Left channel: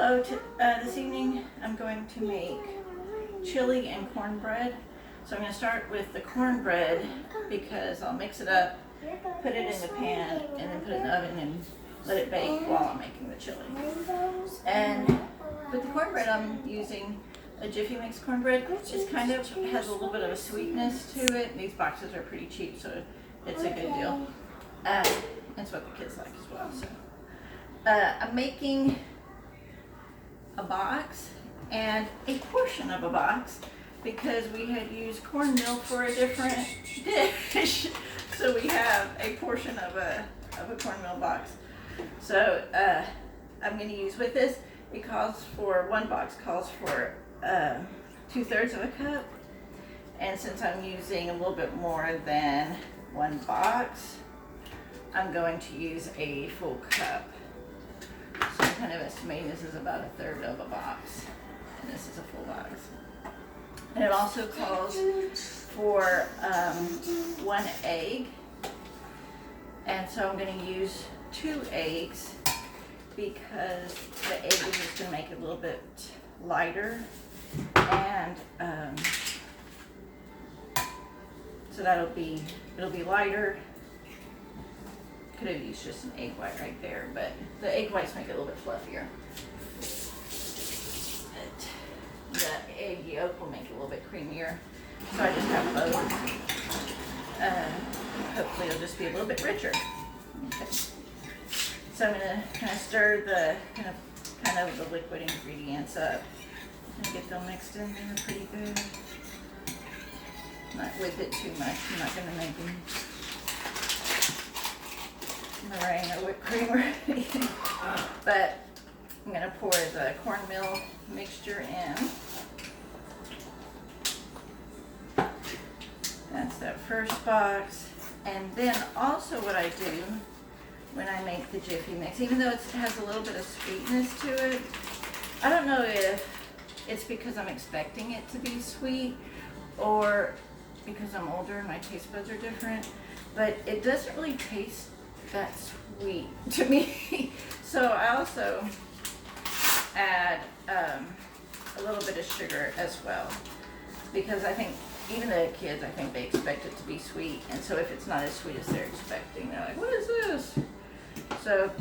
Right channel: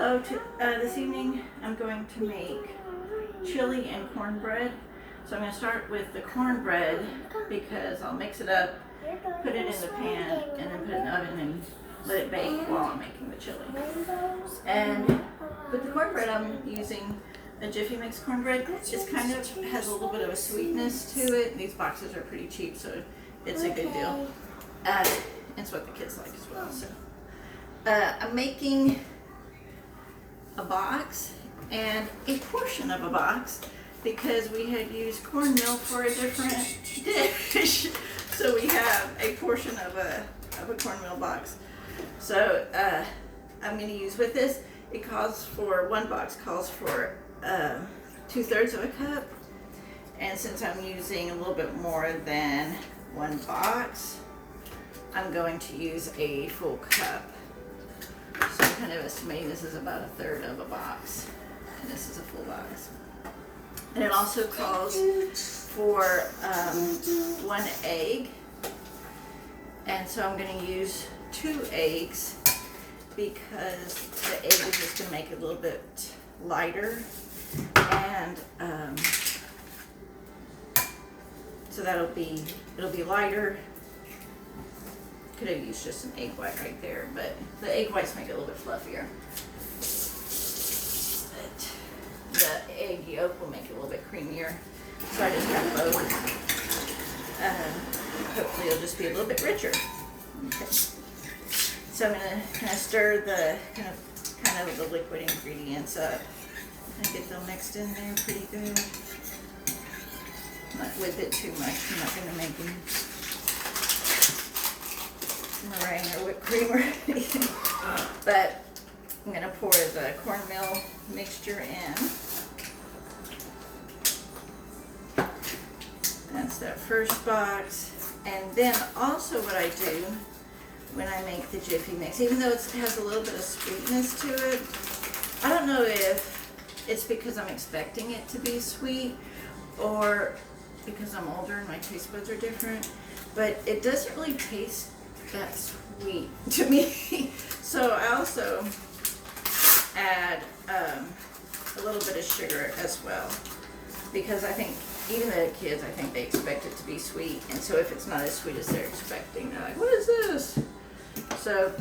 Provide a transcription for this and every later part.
Hello, this evening I'm going to make chili and cornbread. So I'm going to start with the cornbread because I'll mix it up, put it in the pan, and then put it in the oven and let it bake while I'm making the chili. And with the cornbread I'm using a Jiffy mix cornbread. It's kind of has a little bit of a sweetness to it. These boxes are pretty cheap, so it's a good deal. It's what the kids like as well. So I'm making a box and a portion of a box because we had used cornmeal for a different dish. So we have a portion of a cornmeal box. So I'm going to use with this. It calls for, one box calls for 2/3 of a cup. And since I'm using a little bit more than one box, I'm going to use a full cup. So I'm kind of estimating this is about 1/3 of a box. And this is a full box. And it also calls for 1 egg. And so I'm going to use 2 eggs because the egg is just going to make it a little bit lighter. And so it'll be lighter. Could have used just an egg white right there, but the egg whites make it a little bit fluffier. But the egg yolk will make it a little bit creamier. So I just have both. Hopefully it'll just be a little bit richer. Okay. So I'm gonna kind of stir the kind of the liquid ingredients up and get them mixed in there pretty good. Not with it too much. I'm not gonna make them meringue or whipped cream or anything. But I'm going to pour the cornmeal mixture in. That's that first box. And then also what I do when I make the Jiffy mix, even though it has a little bit of sweetness to it, I don't know if it's because I'm expecting it to be sweet or because I'm older and my taste buds are different, but it doesn't really taste that sweet to me. So I also add a little bit of sugar as well, because I think even the kids, I think they expect it to be sweet, and so if it's not as sweet as they're expecting, they're like, what is this? So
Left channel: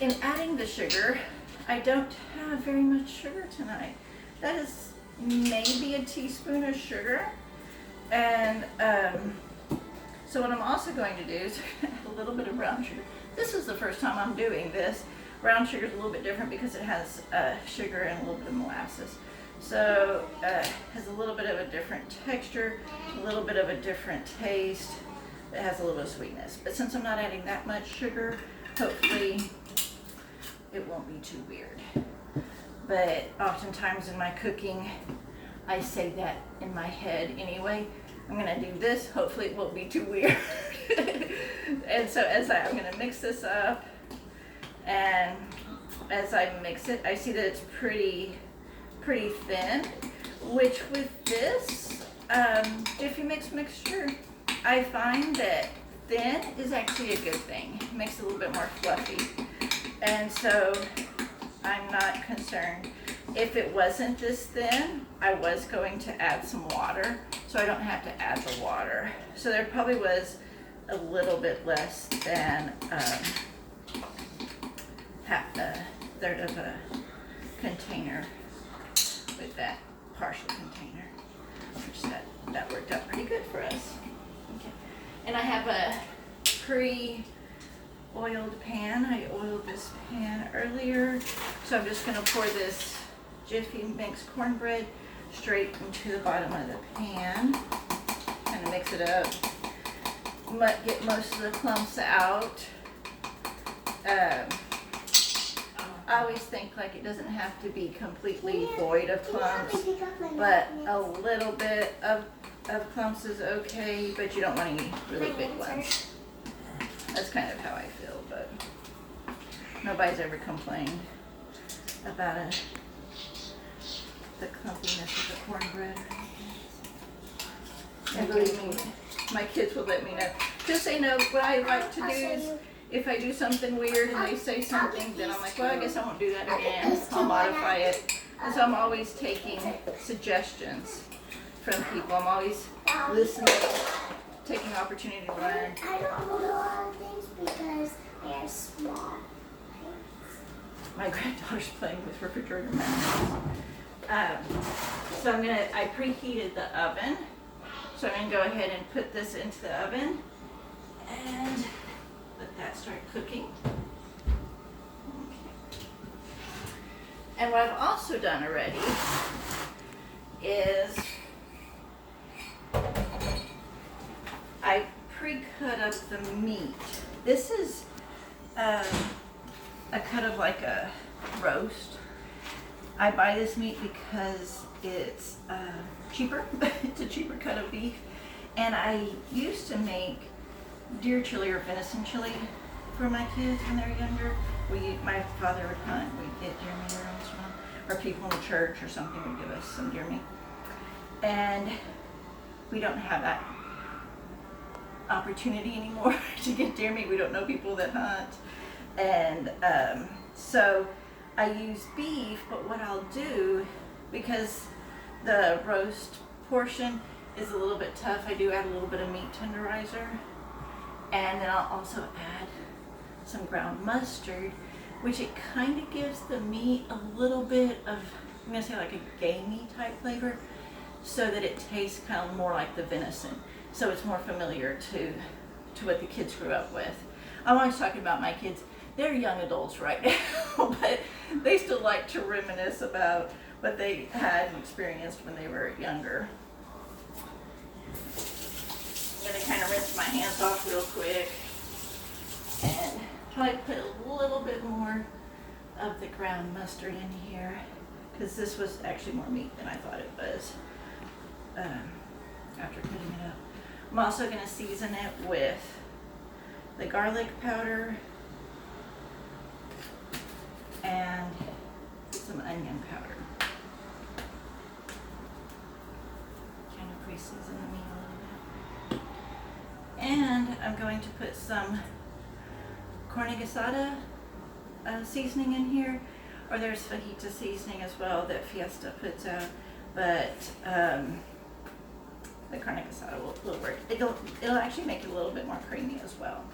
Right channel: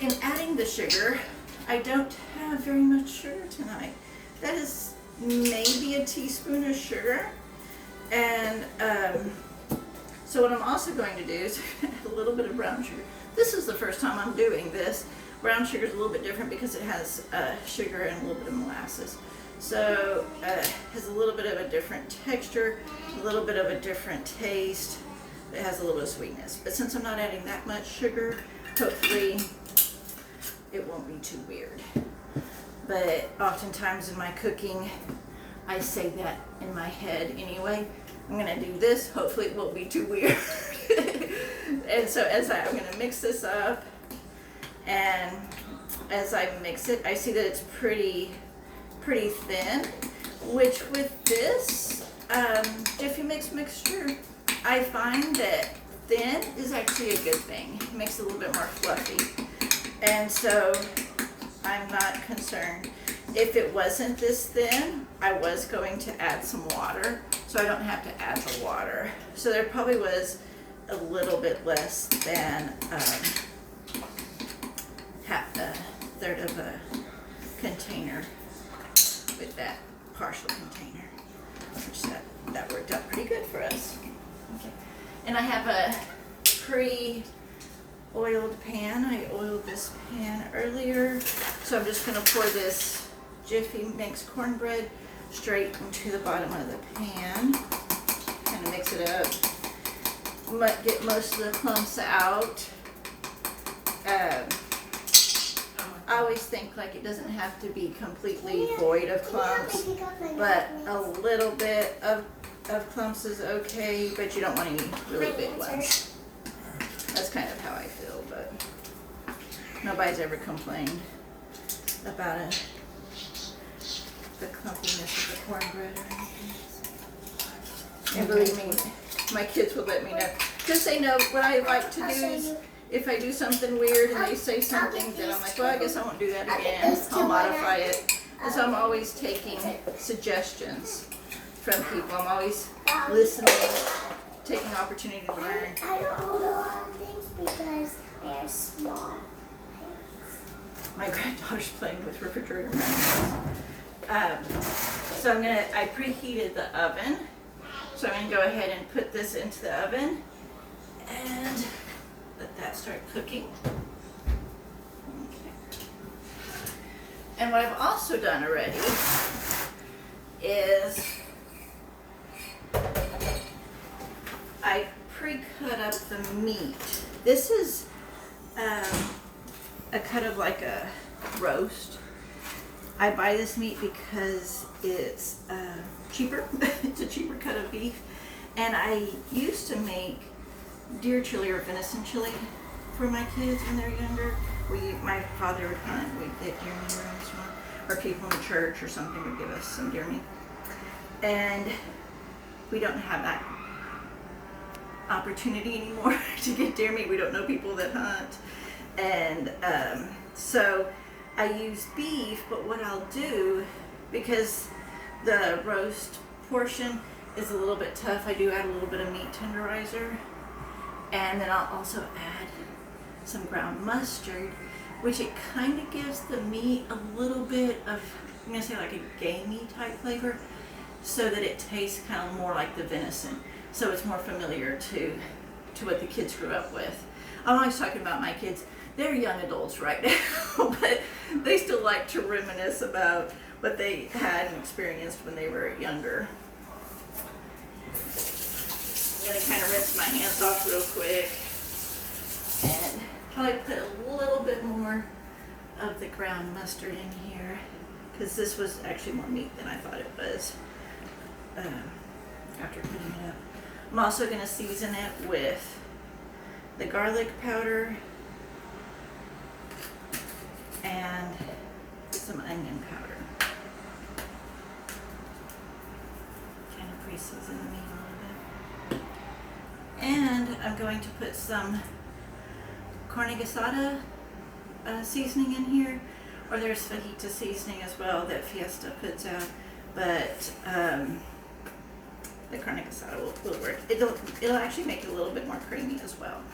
in adding the sugar, I don't have very much sugar tonight. That is maybe a teaspoon of sugar. And so what I'm also going to do is a little bit of brown sugar. This is the first time I'm doing this. Brown sugar is a little bit different because it has sugar and a little bit of molasses. So it has a little bit of a different texture, a little bit of a different taste. It has a little bit of sweetness. But since I'm not adding that much sugar, hopefully it won't be too weird. But oftentimes in my cooking, I say that in my head anyway. I'm gonna do this, hopefully it won't be too weird. And so I'm gonna mix this up, and as I mix it, I see that it's pretty thin, which with this Jiffy mix mixture, I find that thin is actually a good thing. It makes it a little bit more fluffy. And so I'm not concerned. If it wasn't this thin, I was going to add some water, so I don't have to add the water. So there probably was a little bit less than 1/3 of a container with that partial container, which that worked out pretty good for us. Okay. And I have a pre-oiled pan. I oiled this pan earlier, so I'm just going to pour this Jiffy mixed cornbread straight into the bottom of the pan. Kind of mix it up. Get most of the clumps out. I always think like it doesn't have to be completely void of clumps, but a little bit of clumps is okay, but you don't want any really big ones. That's kind of how I feel, but nobody's ever complained about the clumpiness of the cornbread or anything. And believe me, my kids will let me know. Just say no. What I like to do if I do something weird and they say something, then I'm like, well, I guess I won't do that again. I'll modify it. And so I'm always taking suggestions from people. I'm always listening, taking opportunity to learn. I don't hold a lot of things because they're small. My granddaughter's playing with refrigerator magnets. So I preheated the oven. So I'm gonna go ahead and put this into the oven and let that start cooking. Okay. And what I've also done already is I pre-cut up the meat. This is a cut of like a roast. I buy this meat because it's cheaper. It's a cheaper cut of beef. And I used to make deer chili or venison chili for my kids when they're younger. My father would hunt. We'd get deer meat every once in a while. Or people in the church or something would give us some deer meat. And we don't have that opportunity anymore to get deer meat. We don't know people that hunt. And so I use beef, but what I'll do, because the roast portion is a little bit tough, I do add a little bit of meat tenderizer. And then I'll also add some ground mustard, which it kind of gives the meat a little bit of, I'm going to say like a gamey type flavor, so that it tastes kind of more like the venison. So it's more familiar to what the kids grew up with. I'm always talking about my kids. They're young adults right now, but they still like to reminisce about what they had and experienced when they were younger. I'm going to kind of rinse my hands off real quick and probably put a little bit more of the ground mustard in here, because this was actually more meat than I thought it was after cutting it up. I'm also going to season it with the garlic powder and some onion powder. Kind of pre-season the meat a little bit. And I'm going to put some carne asada seasoning in here, or there's fajita seasoning as well that Fiesta puts out, but the carne asada will work. It'll actually make it a little bit more creamy as well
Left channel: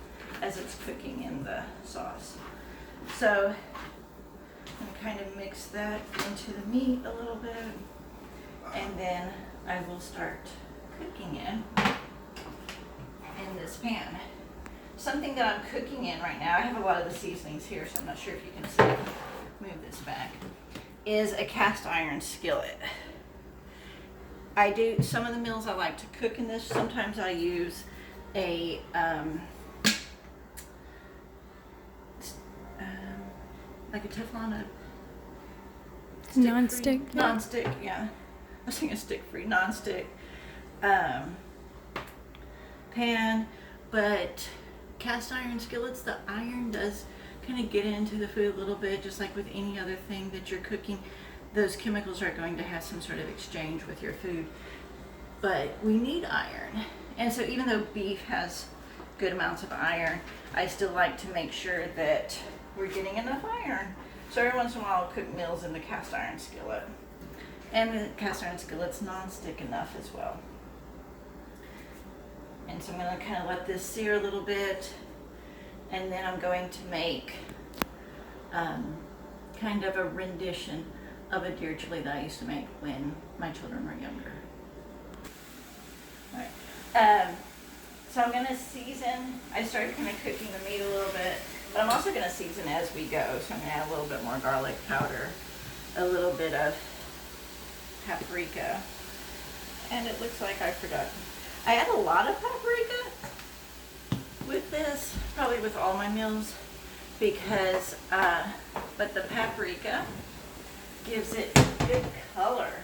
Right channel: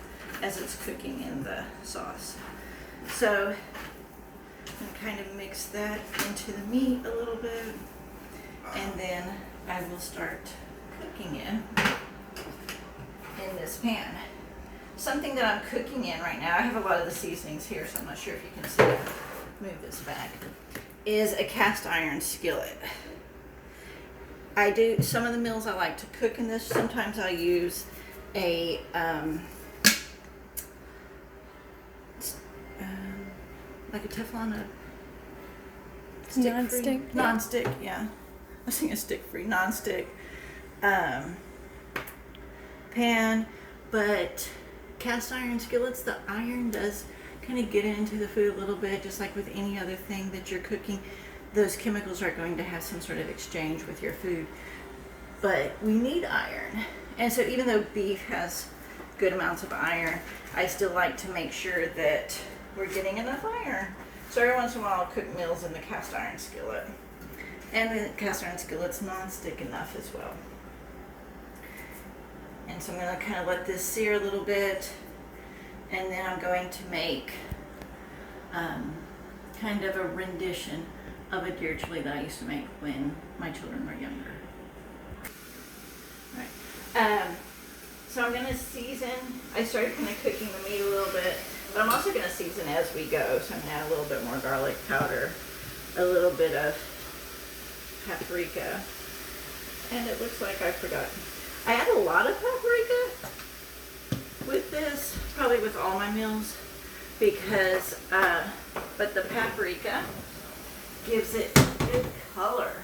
as it's cooking in the sauce. So I'm going to kind of mix that into the meat a little bit, and then I will start cooking in this pan. Something that I'm cooking in right now, I have a lot of the seasonings here, so I'm not sure if you can see it. Move this back. Is a cast iron skillet. I do some of the meals I like to cook in this. Sometimes I use a like a Teflon, non-stick. Non-stick, yeah. I was thinking stick-free, non-stick pan, but cast iron skillets, the iron does kind of get into the food a little bit, just like with any other thing that you're cooking. Those chemicals are going to have some sort of exchange with your food, but we need iron. And so even though beef has good amounts of iron, I still like to make sure that we're getting enough iron. So every once in a while I'll cook meals in the cast iron skillet. And the cast iron skillet's non-stick enough as well. And so I'm going to kind of let this sear a little bit, and then I'm going to make kind of a rendition of a deer chili that I used to make when my children were younger. All right. So I'm going to season. I started kind of cooking the meat a little bit, but I'm also going to season as we go. So I'm going to add a little bit more garlic powder, a little bit of paprika, and it looks like I forgot. I add a lot of paprika with this, probably with all my meals, because, but the paprika gives it good color.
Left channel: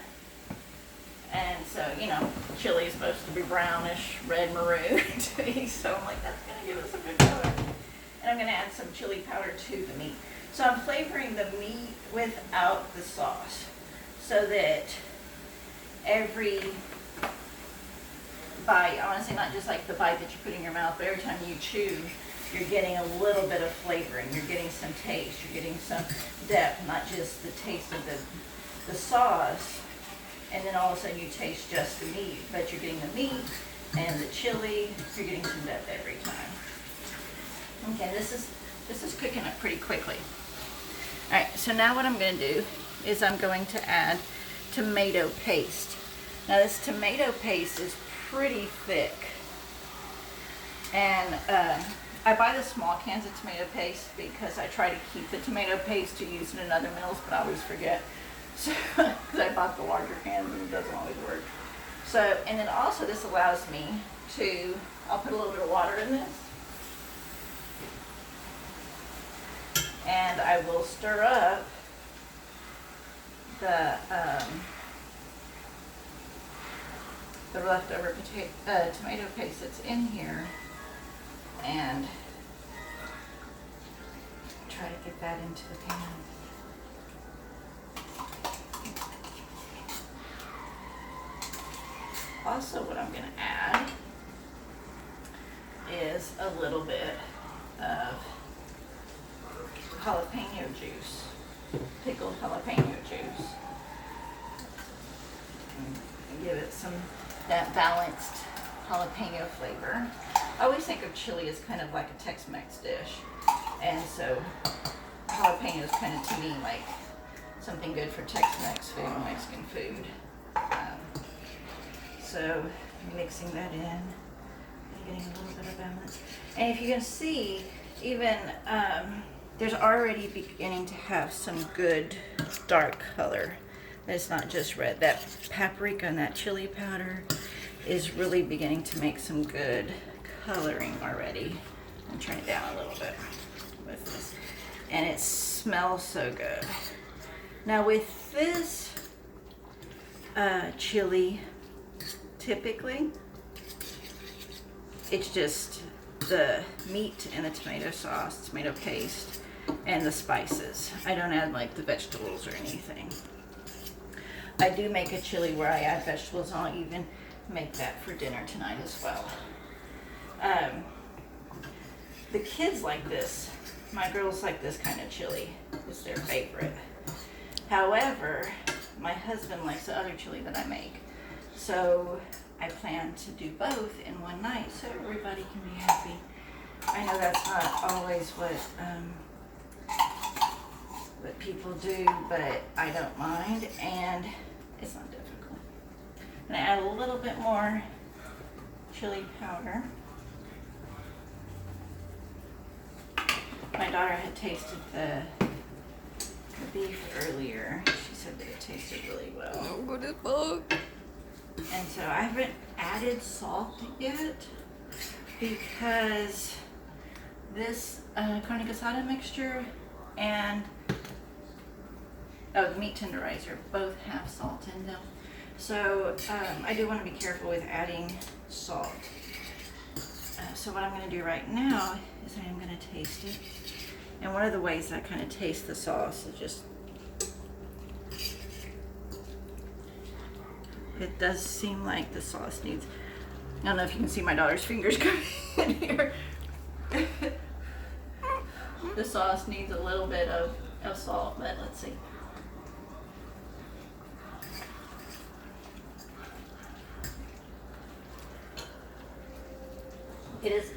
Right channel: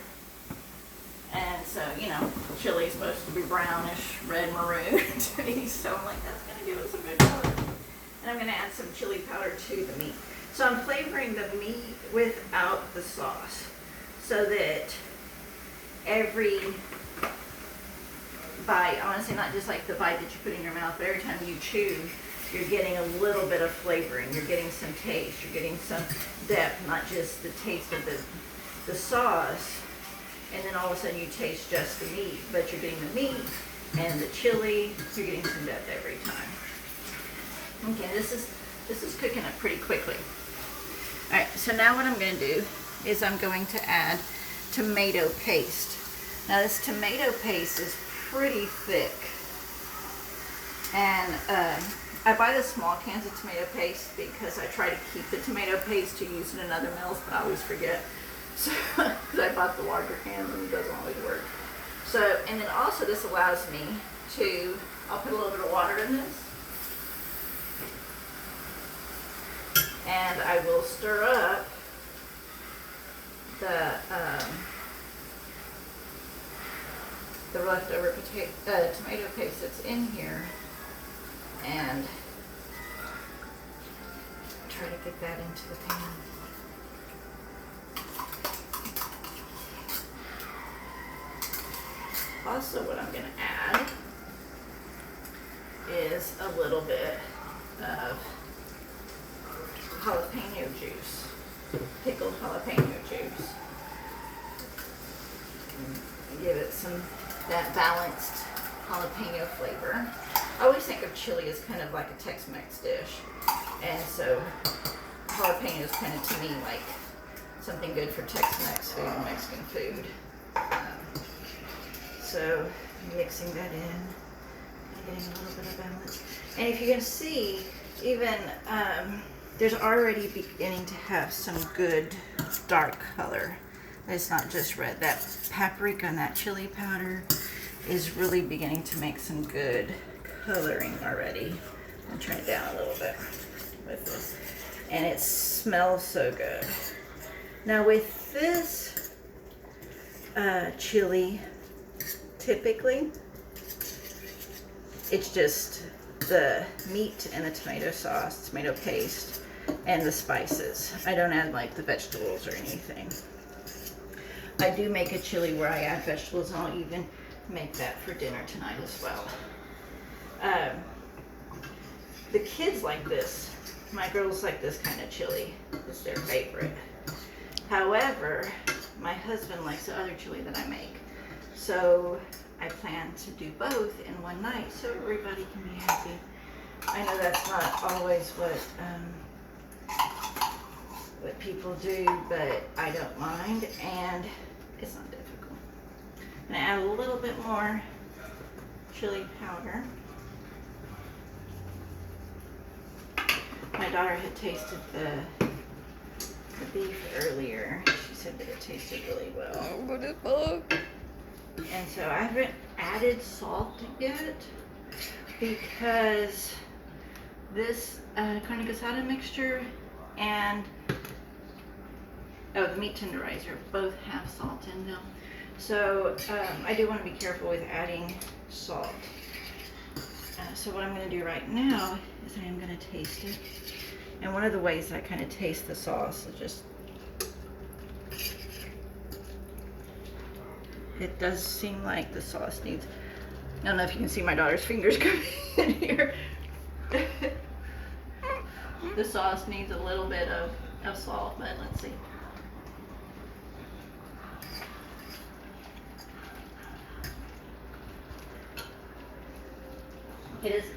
And so, you know, chili is supposed to be brownish, red, maroon to me, so I'm like, that's going to give us a good color. And I'm going to add some chili powder to the meat. So I'm flavoring the meat without the sauce, so that every bite, honestly, not just like the bite that you put in your mouth, but every time you chew, you're getting a little bit of flavoring, you're getting some taste, you're getting some depth, not just the taste of the sauce, and then all of a sudden you taste just the meat, but you're getting the meat and the chili, you're getting some depth every time. Okay, this is cooking up pretty quickly. All right, so now what I'm going to do is I'm going to add tomato paste. Now this tomato paste is pretty thick, and I buy the small cans of tomato paste because I try to keep the tomato paste to use in other meals, but I always forget. So, because I bought the larger cans and it doesn't always work. So, and then also this allows me to, I'll put a little bit of water in this. And I will stir up the leftover tomato paste that's in here, and try to get that into the pan. Also, what I'm going to add is a little bit of jalapeno juice, pickled jalapeno juice. And give it that balanced jalapeno flavor. I always think of chili as kind of like a Tex-Mex dish, and so jalapeno is kind of, to me, like something good for Tex-Mex food, Mexican food. So mixing that in, getting a little bit of balance. And if you can see, even there's already beginning to have some good dark color. It's not just red. That paprika and that chili powder is really beginning to make some good coloring already. I'm turning it down a little bit with this. And it smells so good. Now with this chili, typically, it's just the meat and the tomato sauce, tomato paste, and the spices. I don't add like the vegetables or anything. I do make a chili where I add vegetables, and I'll even make that for dinner tonight as well. The kids like this. My girls like this kind of chili. It's their favorite. However, my husband likes the other chili that I make. So I plan to do both in one night so everybody can be happy. I know that's not always what people do, but I don't mind, and it's not difficult. I'm gonna add a little bit more chili powder. My daughter had tasted the beef earlier. She said that it tasted really well. And so I haven't added salt yet because this carne asada mixture and the meat tenderizer both have salt in them. So I do want to be careful with adding salt. So what I'm going to do right now is I am going to taste it. And one of the ways I kind of taste the sauce is just, it does seem like the sauce needs, I don't know if you can see my daughter's fingers coming in here. The sauce needs a little bit of salt, but let's see.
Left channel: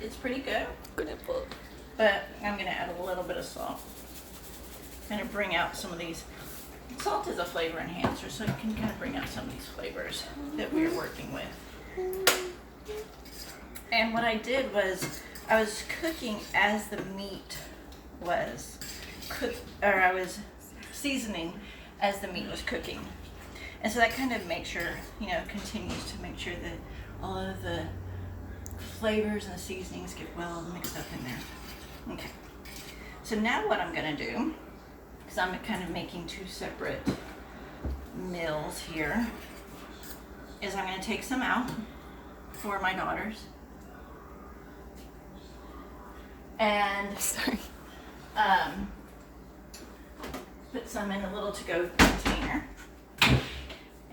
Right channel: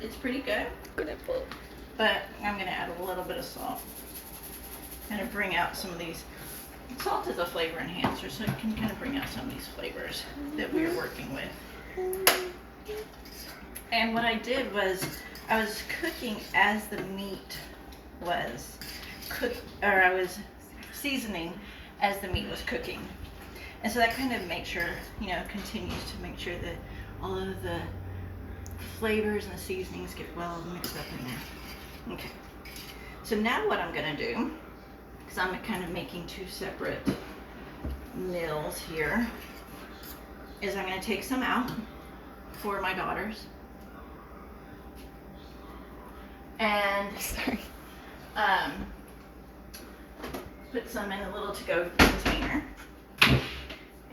It's pretty good. But I'm gonna add a little bit of salt. Kind of bring out some of these. Salt is a flavor enhancer, so it can kind of bring out some of these flavors that we are working with. And what I did was, I was cooking as the meat was cooked, or I was seasoning as the meat was cooking. And so that kind of makes sure, continues to make sure that all of the flavors and the seasonings get well mixed up in there. Okay. So now what I'm gonna do, because I'm kind of making two separate meals here, is I'm gonna take some out for my daughters. And put some in a little to-go container.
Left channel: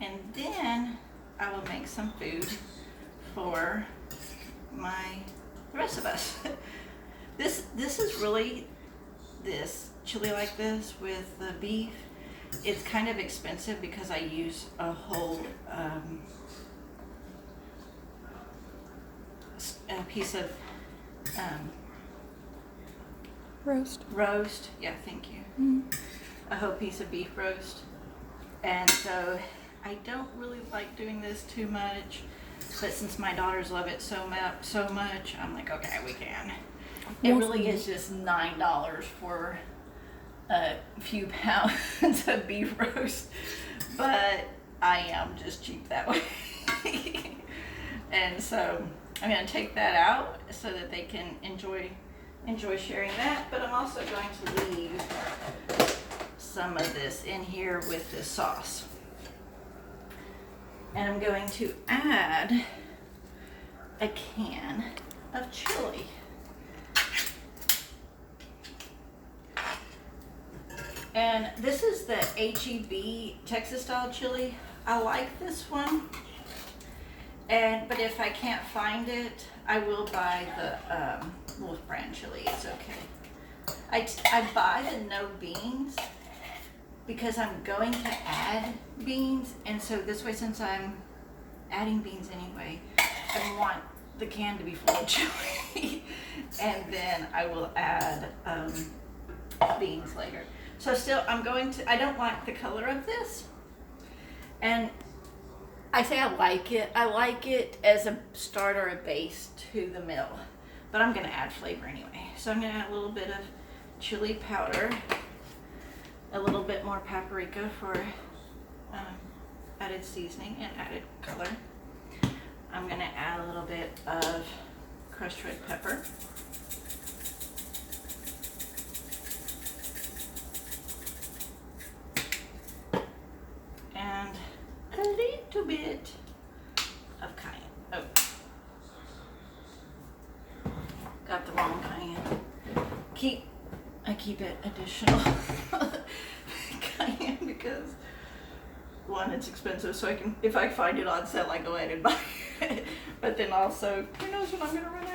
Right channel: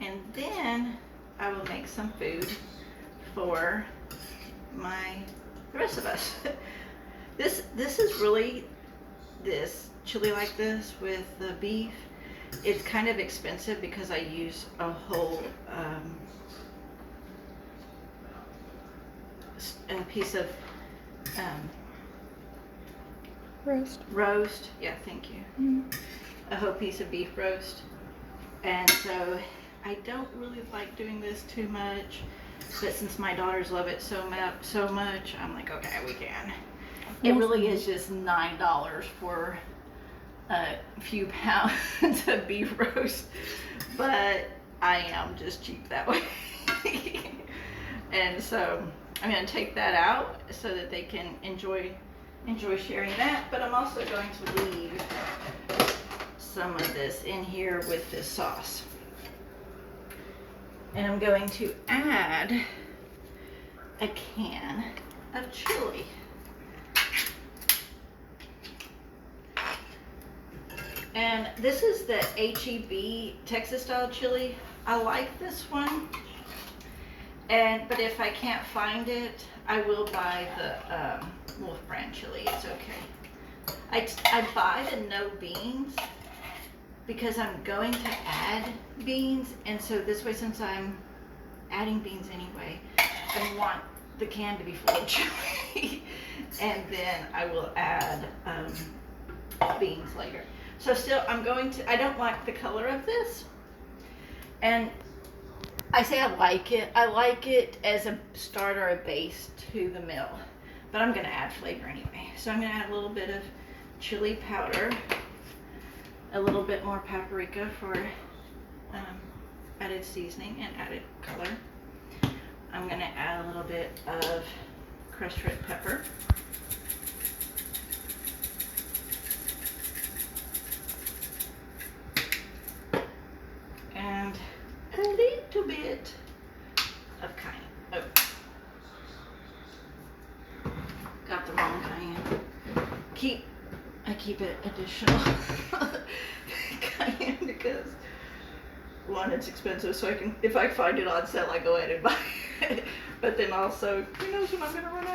And then I will make some food for the rest of us. This is really, this chili like this with the beef, it's kind of expensive because I use a whole a piece of roast. Yeah, thank you. A whole piece of beef roast. And so I don't really like doing this too much, but since my daughters love it so much, I'm like, okay, we can. It really is just $9 for a few pounds of beef roast, but I am just cheap that way. And so I'm going to take that out so that they can enjoy sharing that, but I'm also going to leave some of this in here with this sauce. And I'm going to add a can of chili. And this is the HEB Texas style chili. I like this one. But if I can't find it, I will buy the Wolf brand chili. It's okay. I buy the no beans because I'm going to add beans, and so this way, since I'm adding beans anyway, I want the can to be full of chili. And then I will add beans later. So still, I don't like the color of this. And I say I like it. I like it as a start or a base to the meal. But I'm going to add flavor anyway. So I'm going to add a little bit of chili powder, a little bit more paprika for added seasoning and added color. I'm going to add a little bit of crushed red pepper. And a little bit of cayenne. Oh, got the wrong cayenne. I keep it additional cayenne because one, it's expensive, so if I find it on sale, I go ahead and buy it. But then also, who knows when I'm gonna run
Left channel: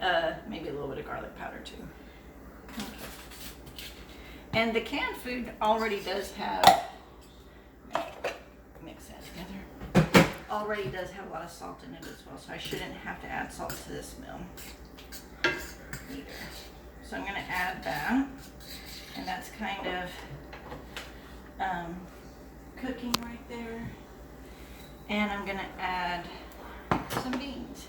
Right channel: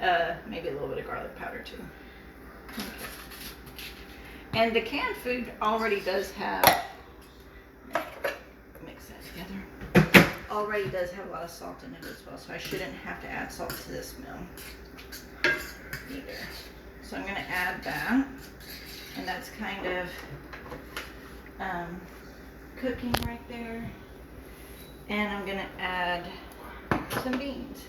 out. Maybe a little bit of garlic powder too. Okay. And the canned food already does have, mix that together, already does have a lot of salt in it as well, so I shouldn't have to add salt to this meal either. So I'm going to add that, and that's kind of cooking right there. And I'm going to add some beans.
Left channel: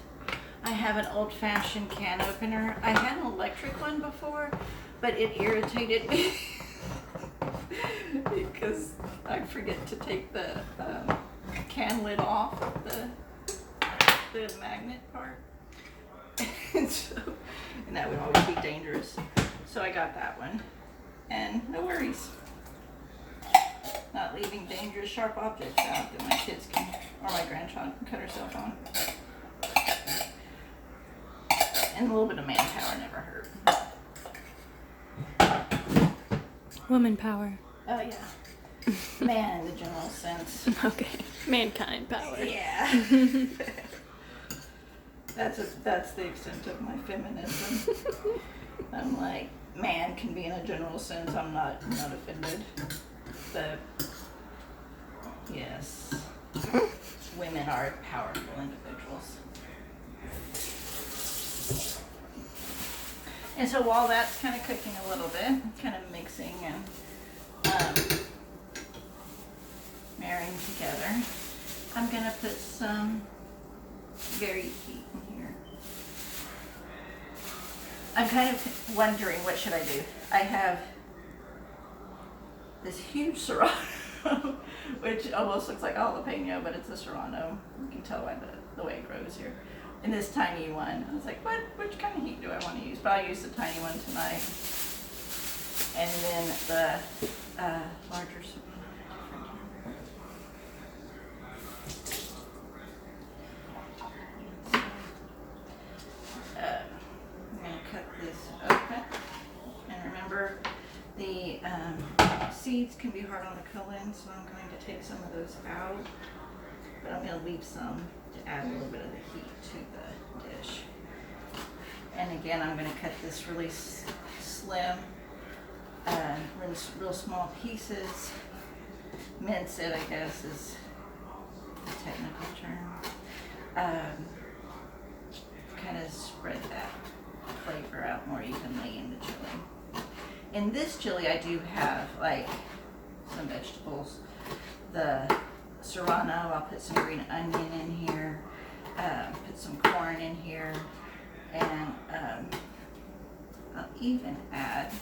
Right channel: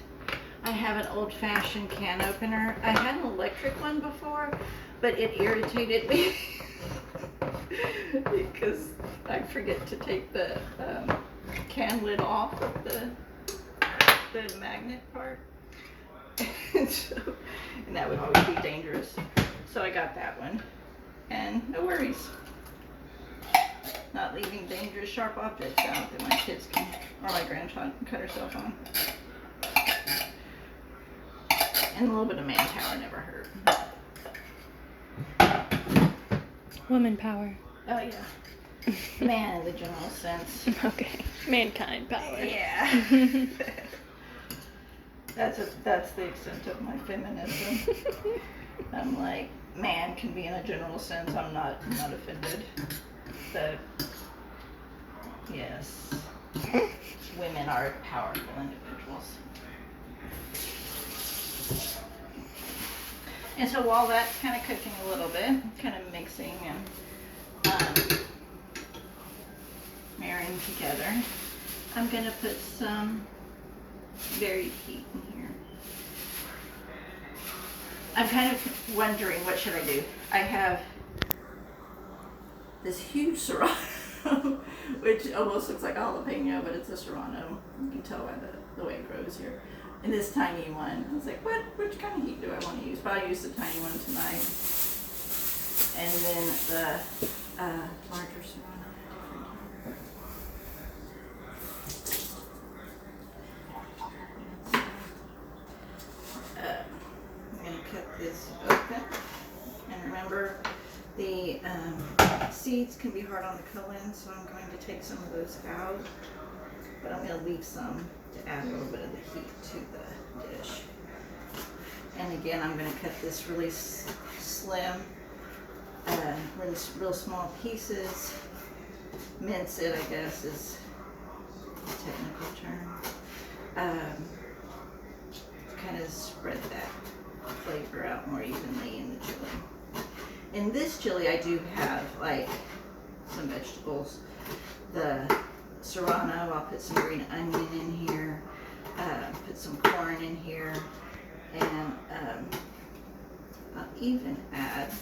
I have an old-fashioned can opener. I had an electric one before, but it irritated me because I forget to take the can lid off of the magnet part. And that would always be dangerous. So I got that one. And no worries. Not leaving dangerous sharp objects out that my kids can, or my grandchild can cut herself on. And a little bit of manpower never hurt. Woman power. Oh yeah. Man in the general sense. Okay. Mankind power. Yeah. That's the extent of my feminism. I'm like, man can be in a general sense. I'm not offended. But yes, women are powerful individuals. And so while that's kind of cooking a little bit, kind of mixing and marrying together, I'm going to put some varied heat in here. I'm kind of wondering, what should I do? I have this huge serrano, which almost looks like a jalapeno, but it's a serrano. You can tell by the way it grows here. And this tiny one, I was like, which kind of heat do I want to use? But I'll use the tiny one tonight. And then the larger serrano. I'm going to cut this open. And remember, the seeds can be hard on the colon, so I'm going to take some of those out. But I'm going to leave some to add a little bit of the heat to the dish. And again, I'm going to cut this really slim, real small pieces. Mince it, I guess, is the technical term. Kind of spread that flavor out more evenly in the chili. In this chili, I do have like some vegetables. The serrano, I'll put some green onion in here, put some corn in here, and I'll even add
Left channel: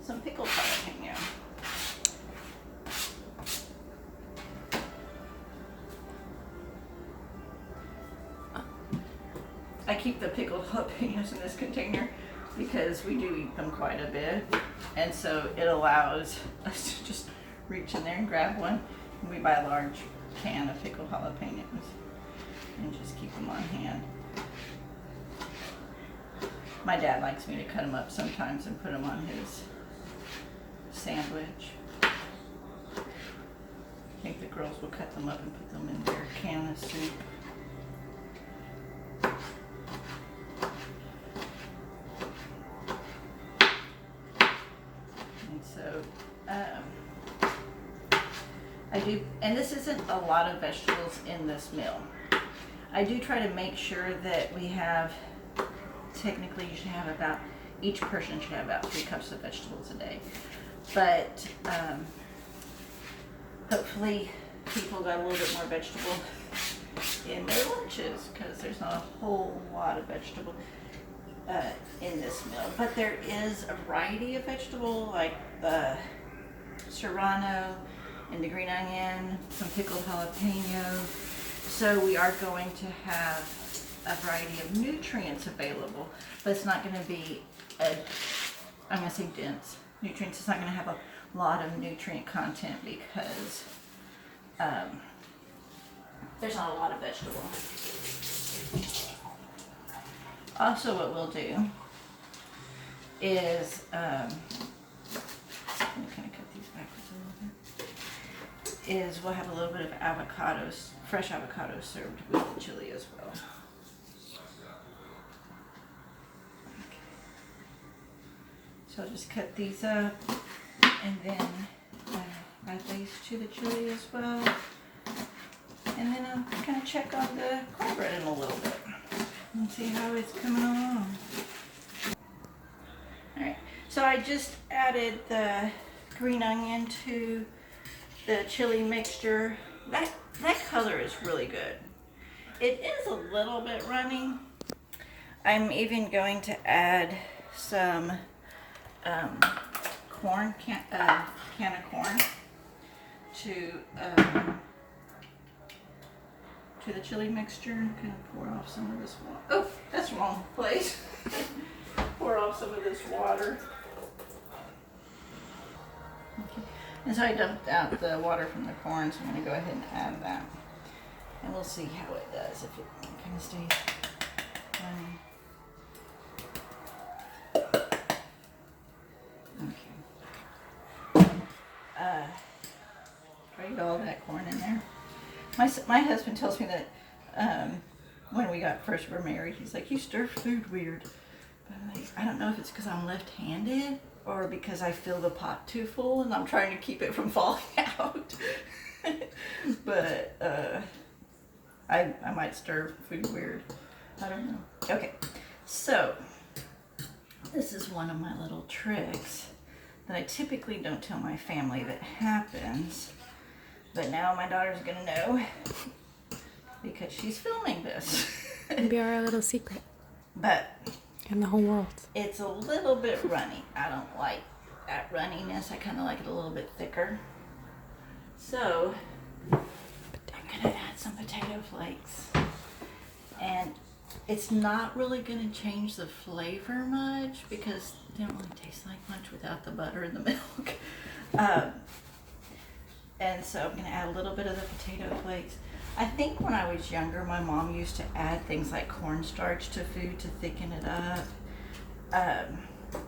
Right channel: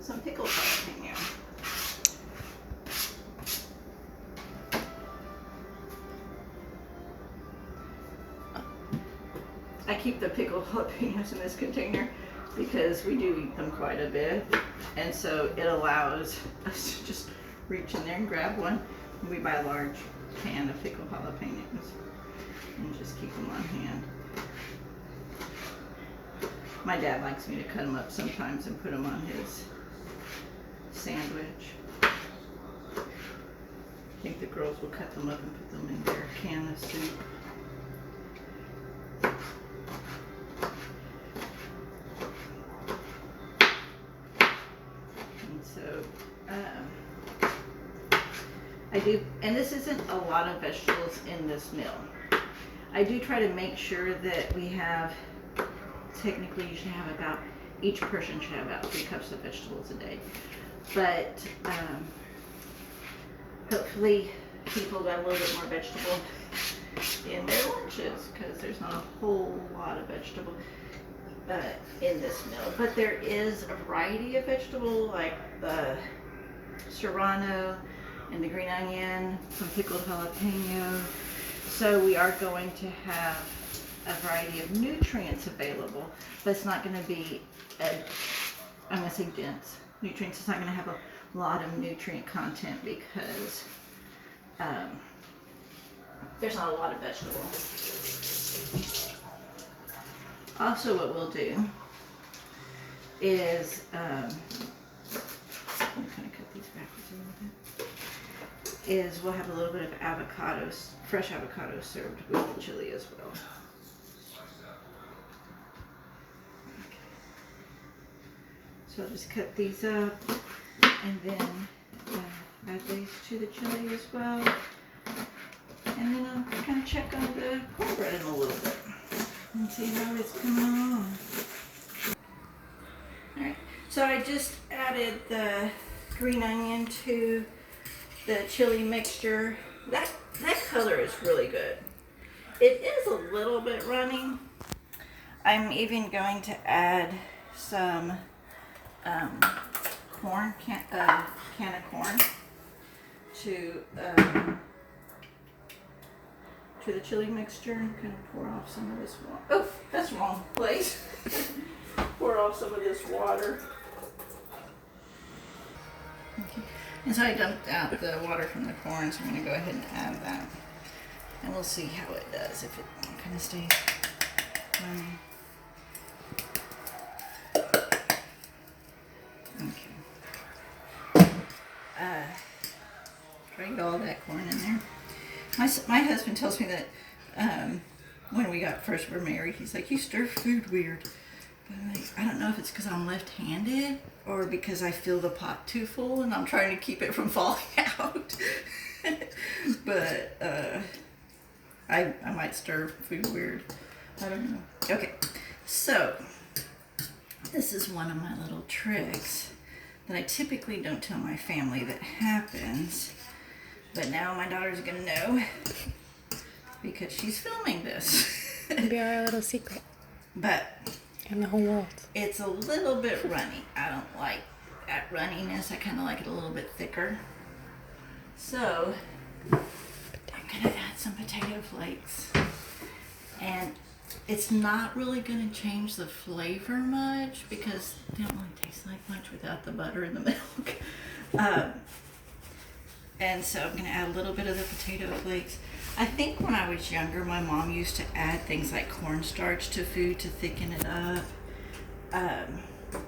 some pickled jalapeno. I keep the pickled jalapenos in this container because we do eat them quite a bit, and so it allows us to just reach in there and grab one. We buy a large can of pickled jalapenos and just keep them on hand. My dad likes me to cut them up sometimes and put them on his sandwich. I think the girls will cut them up and put them in their can of soup. I do, and this isn't a lot of vegetables in this meal. I do try to make sure that we have, technically you should have about, each person should have about 3 cups of vegetables a day. But hopefully people got a little bit more vegetable in their lunches because there's not a whole lot of vegetable in this meal. But there is a variety of vegetable like the serrano and the green onion, some pickled jalapeno. So we are going to have a variety of nutrients available, but it's not going to be, I'm going to say dense nutrients. It's not going to have a lot of nutrient content because there's not a lot of vegetable. Also, what we'll do is, I'm kind of cut these backwards a little bit. Is we'll have a little bit of avocados, fresh avocados served with the chili as well. Okay. So I'll just cut these up and then add these to the chili as well. And then I'll kind of check on the cornbread in a little bit and see how it's coming along. Alright, so I just added the green onion to the chili mixture. That color is really good. It is a little bit runny. I'm even going to add some corn, can of corn to the chili mixture and kind of pour off some of this water. Oh, that's the wrong place. Pour off some of this water. Okay. And so I dumped out the water from the corn, so I'm going to go ahead and add that. And we'll see how it does, if it kind of stays running. Okay. Try to get all that corn in there. My husband tells me that when we first were married, he's like, you stir food weird. But I'm like, I don't know if it's because I'm left-handed or because I feel the pot too full and I'm trying to keep it from falling out. But I might stir food weird. I don't know. Okay, so this is one of my little tricks that I typically don't tell my family that happens. But now my daughter's gonna know because she's filming this. It'll be our little secret. But in the whole world. It's a little bit runny. I don't like that runniness. I kind of like it a little bit thicker. So I'm gonna add some potato flakes. And it's not really gonna change the flavor much because they don't really taste like much without the butter and the milk. And so I'm gonna add a little bit of the potato flakes. I think when I was younger, my mom used to add things like cornstarch to food to thicken it up.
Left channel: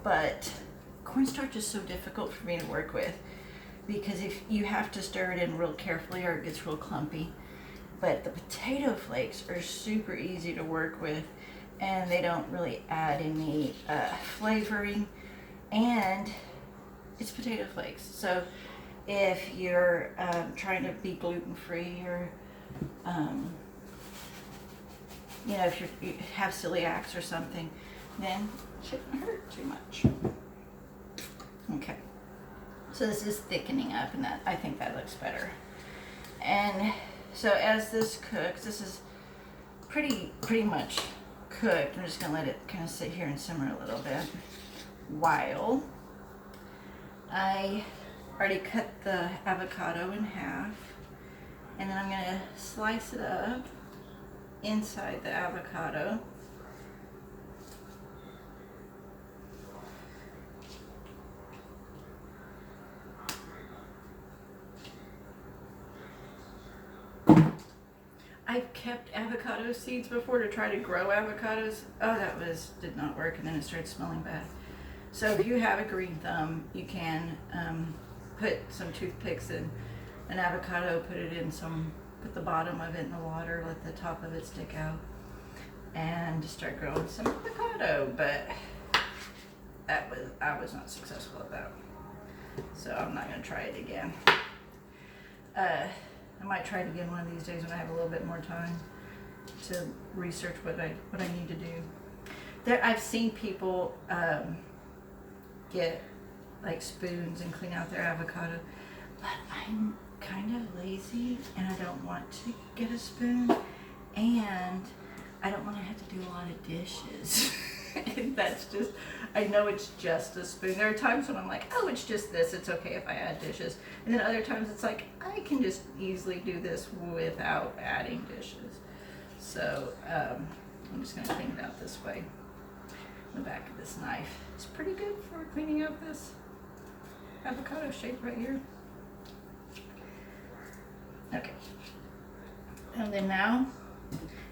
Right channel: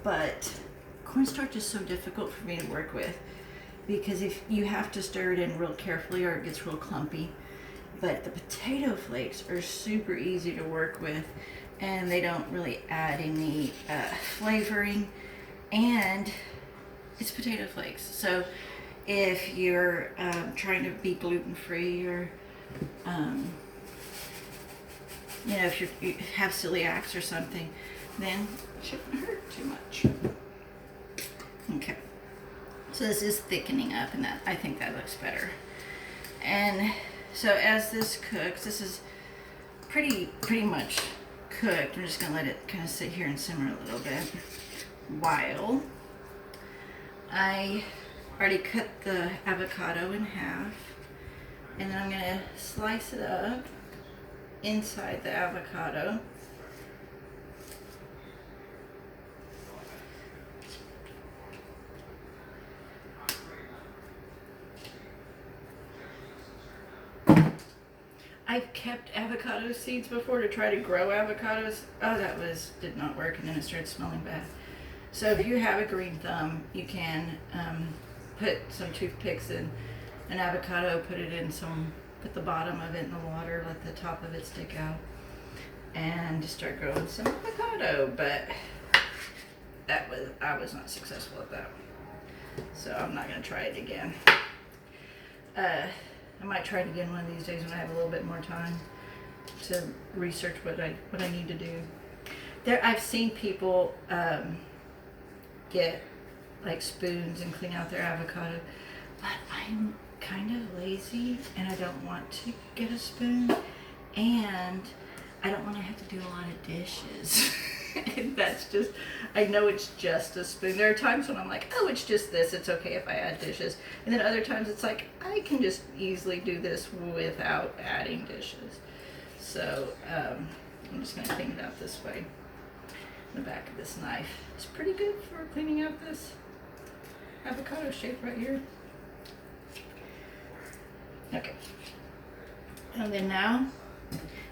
But cornstarch is so difficult for me to work with because if you have to stir it in real carefully or it gets real clumpy. But the potato flakes are super easy to work with and they don't really add any flavoring, and it's potato flakes. So if you're trying to be gluten-free, or you know, if you have celiacs or something, then it shouldn't hurt too much. Okay, so this is thickening up, and that, I think that looks better. And so as this cooks, this is pretty much cooked. I'm just gonna let it kind of sit here and simmer a little bit while I already cut the avocado in half, and then I'm gonna slice it up inside the avocado. I've kept avocado seeds before to try to grow avocados. Oh, did not work, and then it started smelling bad. So if you have a green thumb, you can put some toothpicks in an avocado, put the bottom of it in the water, let the top of it stick out, and just start growing some avocado. But I was not successful at that, so I'm not gonna try it again. I might try it again one of these days when I have a little bit more time to research what I need to do. I've seen people get like spoons and clean out their avocado, but I'm kind of lazy and I don't want to get a spoon, and I don't want to have to do a lot of dishes. And that's just, I know it's just a spoon. There are times when I'm like, oh, it's just this, it's okay if I add dishes. And then other times it's like, I can just easily do this without adding dishes. So I'm just gonna clean it out this way. The back of this knife is pretty good for cleaning out this avocado shape right here. Okay. And then now,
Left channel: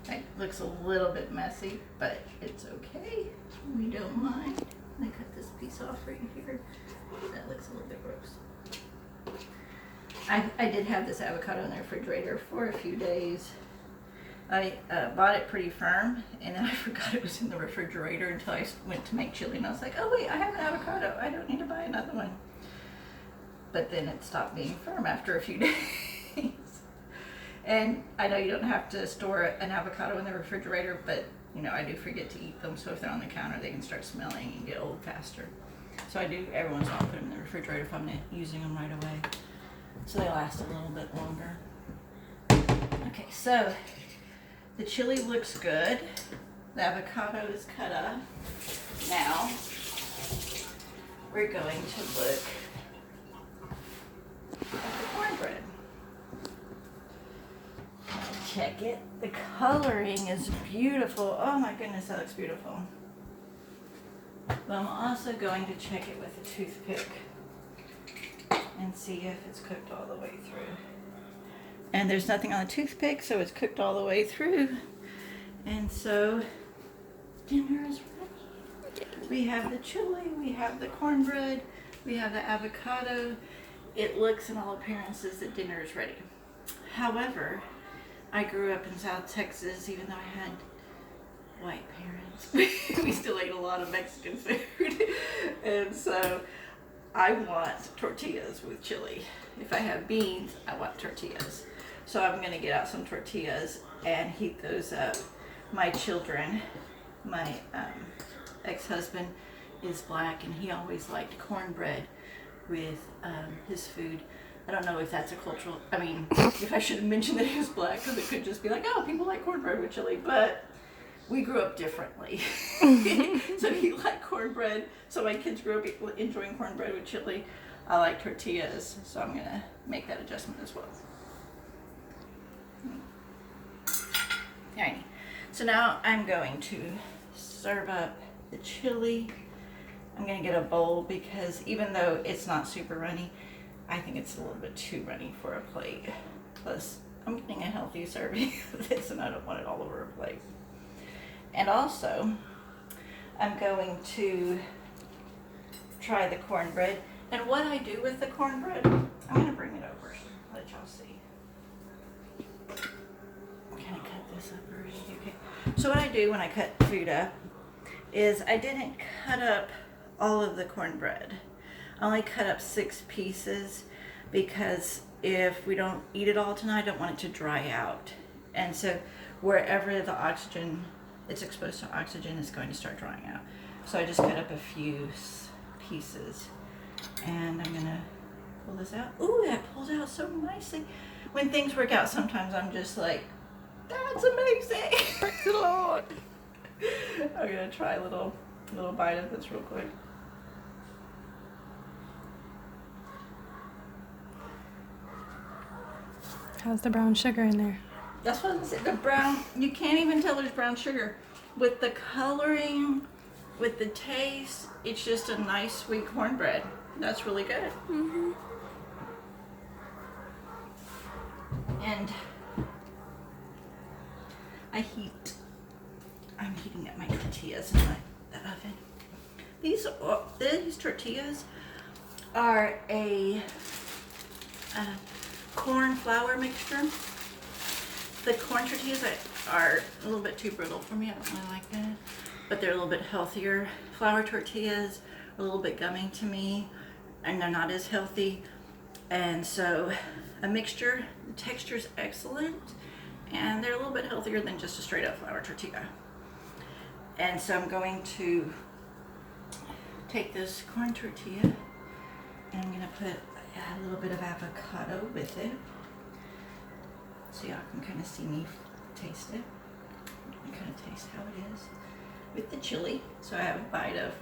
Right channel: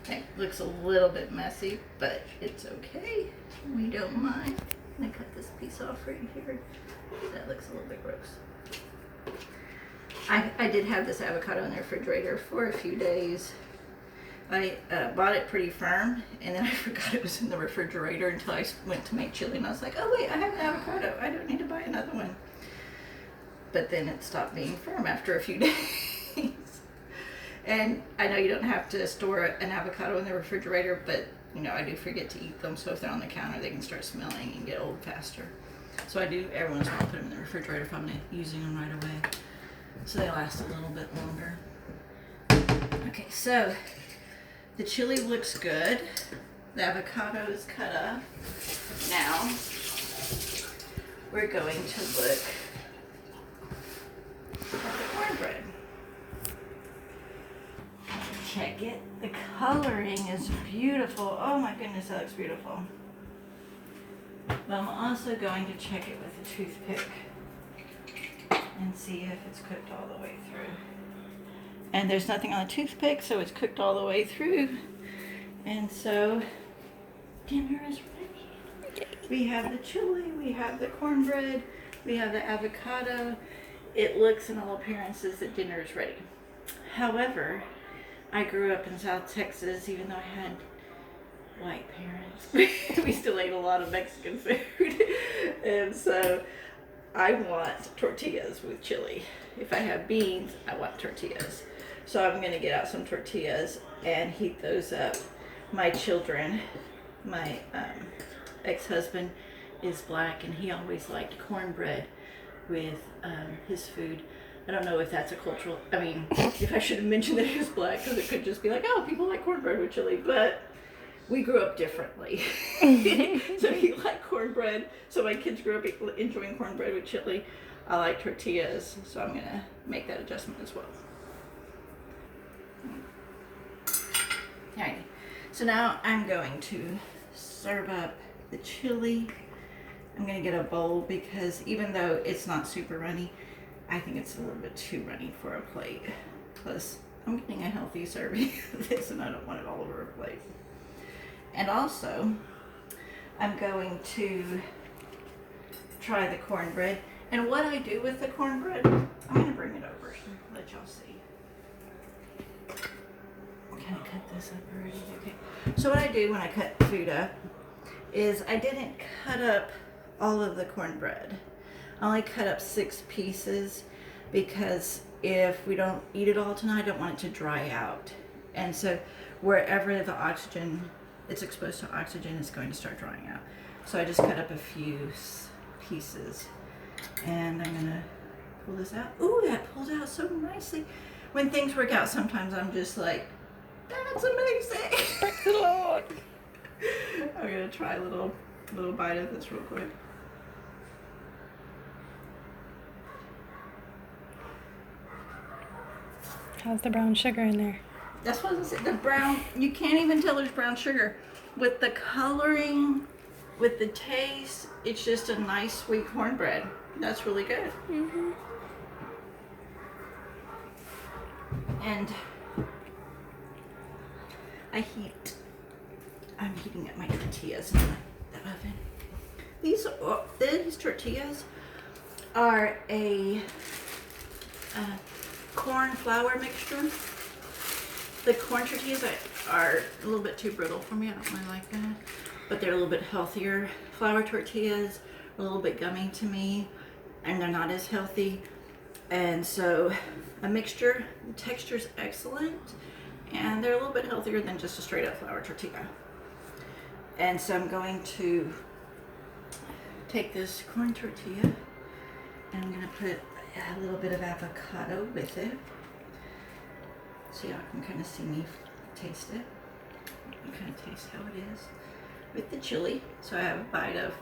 it looks a little bit messy, but it's okay. We don't mind. I'm gonna cut this piece off right here. That looks a little bit gross. I did have this avocado in the refrigerator for a few days. I bought it pretty firm, and then I forgot it was in the refrigerator until I went to make chili, and I was like, oh wait, I have an avocado. I don't need to buy another one. But then it stopped being firm after a few days. And I know you don't have to store an avocado in the refrigerator, but you know, I do forget to eat them, so if they're on the counter, they can start smelling and get old faster. So I do every once in a while put them in the refrigerator if I'm not using them right away, so they last a little bit longer. Okay, so the chili looks good. The avocado is cut up. Now we're going to look at the cornbread. Check it. The coloring is beautiful. Oh my goodness, that looks beautiful. But I'm also going to check it with a toothpick and see if it's cooked all the way through. And there's nothing on the toothpick, so it's cooked all the way through. And so dinner is ready. We have the chili, we have the cornbread, we have the avocado. It looks in all appearances that dinner is ready. However, I grew up in South Texas, even though I had white parents. We still ate a lot of Mexican food. And so I want tortillas with chili. If I have beans, I want tortillas. So I'm gonna get out some tortillas and heat those up. My children, my ex-husband is black, and he always liked cornbread with his food. I don't know if that's a cultural, I mean, if I should have mentioned that he was black, because it could just be like, oh, people like cornbread with chili, but we grew up differently. So he liked cornbread, so my kids grew up enjoying cornbread with chili. I like tortillas, so I'm gonna make that adjustment as well. Alrighty, so now I'm going to serve up the chili. I'm gonna get a bowl because even though it's not super runny, I think it's a little bit too runny for a plate. Plus, I'm getting a healthy serving of this, and I don't want it all over a plate. And also, I'm going to try the cornbread. And what I do with the cornbread, I'm going to bring it over so let y'all see. Okay. kind of cut this up already. Okay. So what I do when I cut food up is I didn't cut up all of the cornbread. I only cut up 6 pieces because if we don't eat it all tonight, I don't want it to dry out. And so wherever the oxygen, it's exposed to oxygen, is going to start drying out. So I just cut up a few pieces. And I'm gonna pull this out. Ooh, that pulls out so nicely. When things work out, sometimes I'm just like, that's amazing. Praise the Lord. I'm gonna try a little bite of this real quick. How's the brown sugar in there? That's what I was saying. The brown, you can't even tell there's brown sugar. With the coloring, with the taste, it's just a nice sweet cornbread. That's really good. Mm-hmm. And I'm heating up my tortillas in the oven. These tortillas are a corn flour mixture. The corn tortillas are a little bit too brittle for me. I don't really like that. But they're a little bit healthier. Flour tortillas are a little bit gummy to me, and they're not as healthy. And so a mixture, the texture's excellent, and they're a little bit healthier than just a straight up flour tortilla. And so I'm going to take this corn tortilla and I'm gonna put a little bit of avocado with it. So y'all can kind of see me taste it. And kind of taste how it is with the chili. So I have a bite of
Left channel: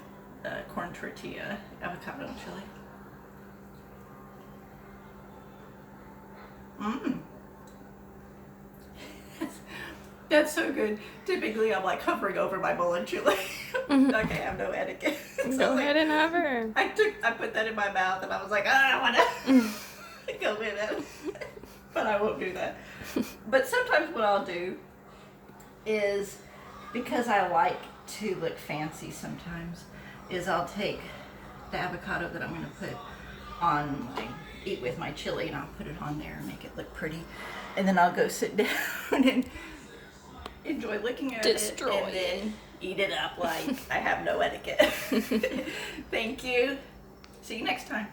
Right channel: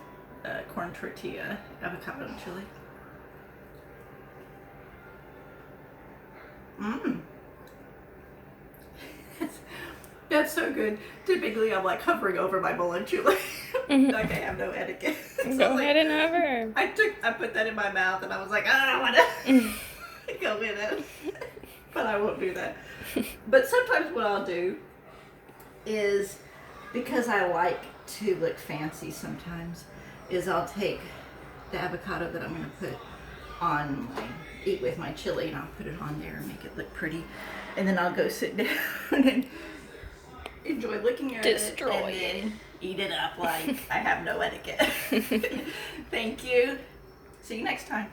corn tortilla, avocado and chili. Mmm. That's so good. Typically, I'm like hovering over my bowl of chili. Like I have no etiquette. So Go ahead and have her. I put that in my mouth and I was like, I don't want to go with it. But I won't do that. But sometimes what I'll do is, because I like to look fancy sometimes, is I'll take the avocado that I'm going to put on eat with my chili, and I'll put it on there and make it look pretty. And then I'll go sit down and enjoy looking at it and then eat it up like I have no etiquette. Thank you. See you next time.